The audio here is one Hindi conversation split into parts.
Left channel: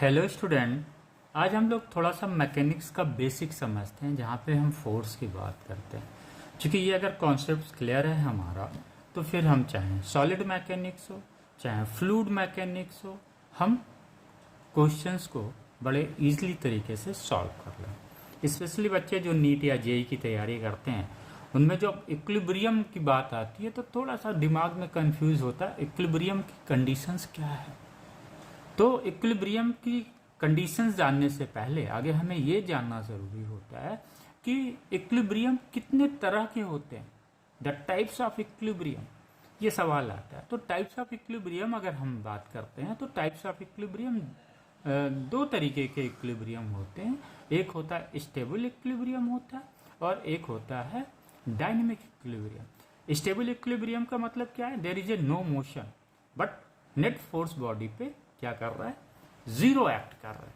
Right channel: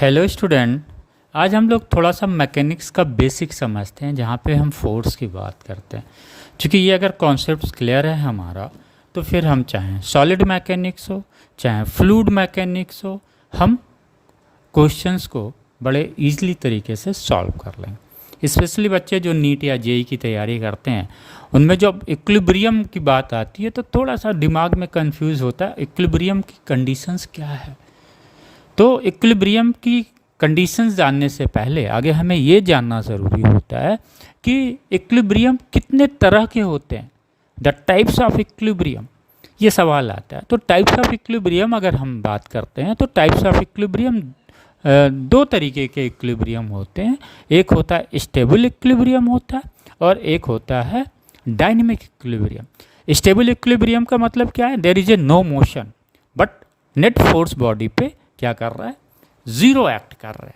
Hello student. आज हम लोग थोड़ा सा मैकेनिक्स का बेसिक समझते हैं, जहाँ पे हम फोर्स की बात करते हैं। क्योंकि ये अगर कॉन्सेप्ट क्लियर है हमारा, तो फिर हम चाहें सॉलिड मैकेनिक्स हो चाहे फ्लूइड मैकेनिक्स हो, हम क्वेश्चंस को बड़े इजीली तरीके से सॉल्व कर लें। स्पेशली बच्चे जो नीट या जेई की तैयारी करते हैं, उनमें जब इक्विलिब्रियम की बात आती है तो थोड़ा सा दिमाग में कंफ्यूज होता है, इक्विलिब्रियम की कंडीशंस क्या है। तो इक्विलिब्रियम की कंडीशंस जानने से पहले आगे हमें ये जानना ज़रूरी होता है कि इक्विलिब्रियम कितने तरह के होते हैं, द टाइप्स ऑफ इक्विलिब्रियम, ये सवाल आता है। तो टाइप्स ऑफ इक्विलिब्रियम अगर हम बात करते हैं तो टाइप्स ऑफ इक्विलिब्रियम दो तरीके के इक्विलिब्रियम होते हैं। एक होता है स्टेबल इक्विलिब्रियम होता है और एक होता है डायनेमिक इक्विलिब्रियम। स्टेबल इक्विलिब्रियम का मतलब क्या है? There is a no motion but net force body पे क्या कर रहा है? ज़ीरो एक्ट कर रहा है।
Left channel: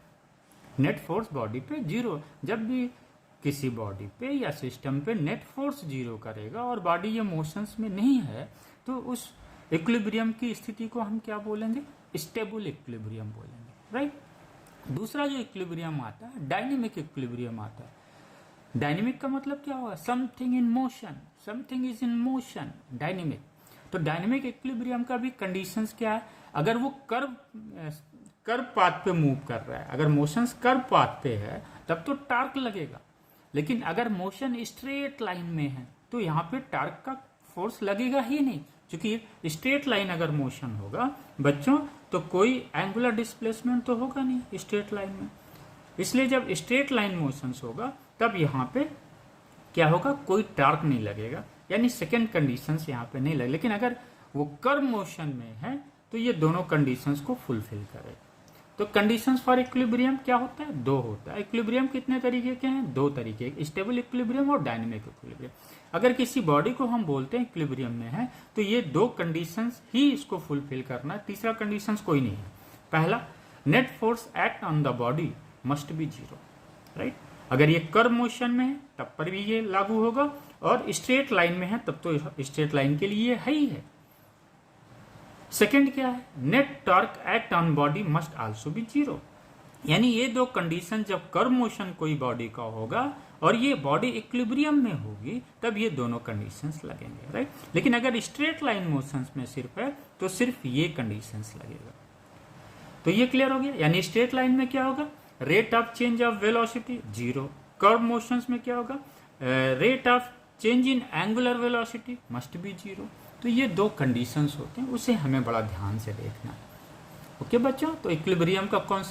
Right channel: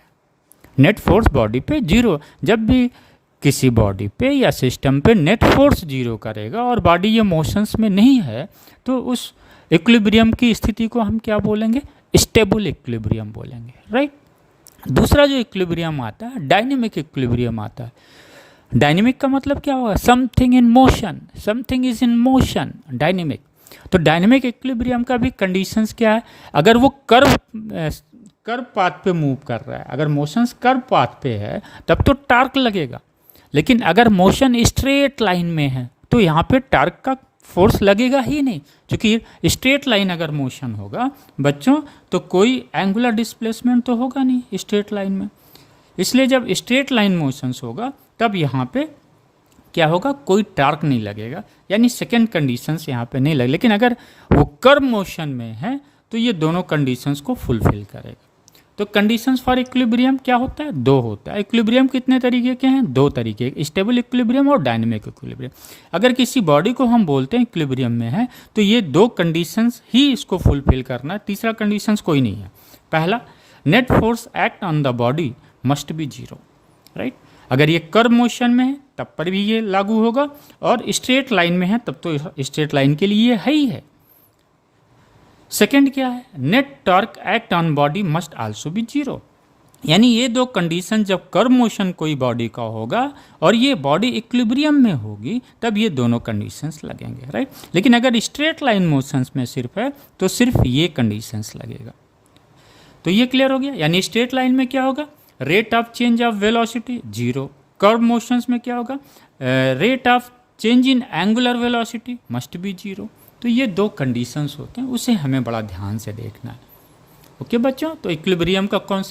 नेट फोर्स बॉडी पे जीरो। जब भी किसी बॉडी पे या सिस्टम पे नेट फोर्स जीरो करेगा और बॉडी ये मोशंस में नहीं है, तो उस इक्विलिब्रियम की स्थिति को हम क्या बोलेंगे? स्टेबल इक्विलिब्रियम बोलेंगे, राइट। दूसरा जो इक्विलिब्रियम आता है, डायनेमिक इक्विलिब्रियम आता है। डायनेमिक का मतलब क्या होगा? Something in motion, something is in motion, dynamic. तो डायनेमिक इक्विलिब्रियम का भी कंडीशंस क्या है? अगर वो कर्व पाथ पे मूव कर रहा है, अगर मोशंस कर्व पाथ पे है तब तो टार्क लगेगा। लेकिन अगर मोशन स्ट्रेट लाइन में है तो यहाँ पे टार्क का फोर्स लगेगा ही नहीं, क्योंकि स्ट्रेट लाइन अगर मोशन होगा बच्चों तो कोई एंगुलर डिस्प्लेसमेंट तो होगा नहीं स्ट्रेट लाइन में। इसलिए जब स्ट्रेट लाइन मोशंस होगा तब यहाँ पे क्या होगा? कोई टार्क नहीं लगेगा, यानी सेकेंड कंडीशंस यहाँ पे नहीं लगे। लेकिन अगर वो कर्व मोशन में है तो ये दोनों कंडीशंस को फुलफिल करेगा। तो कंडीशंस फॉर इक्विलिब्रियम क्या होता है? दो होता है। इक्विलिब्रियम कितने तरीके के हैं? दो तरीके, स्टेबल इक्विलिब्रियम और डायनेमिक इक्विलिब्रियम। अगर किसी बॉडी को हम बोलते हैं इक्विलिब्रियम में है तो ये दो कंडीशंस ही इसको फुलफिल करना है, तीसरा कंडीशंस कोई नहीं है। पहला, net force act on the body must be zero, right. अगर ये कर्व मोशन में है तब पर भी ये लागू होगा, और स्ट्रेट लाइन में है तब तो स्ट्रेट लाइन के लिए ये है ही है। सेकेंड क्या है? Net torque act on body must also be zero. यानी ये दो कंडीशन जब कर्व मोशन कोई बॉडी का होगा और ये बॉडी इक्विलिब्रियम में होगी तब ये दोनों कंडीशंस लगेंगे, राइट। लेकिन अगर स्ट्रेट लाइन मोशंस में सिर्फ है तो सिर्फ ये कंडीशंस लगेगा। तो ये क्लियर हो गया। यानी स्ट्रेट लाइन में क्या होगा? Rate of change of velocity zero. Curve motions में क्या होगा? Rate of change in angular velocity must be zero. तो ये दो कंडीशंस होते हैं, उसे हमें बड़ा ध्यान से देखना है। ओके बच्चों, तो इक्विलिब्रियम का कौन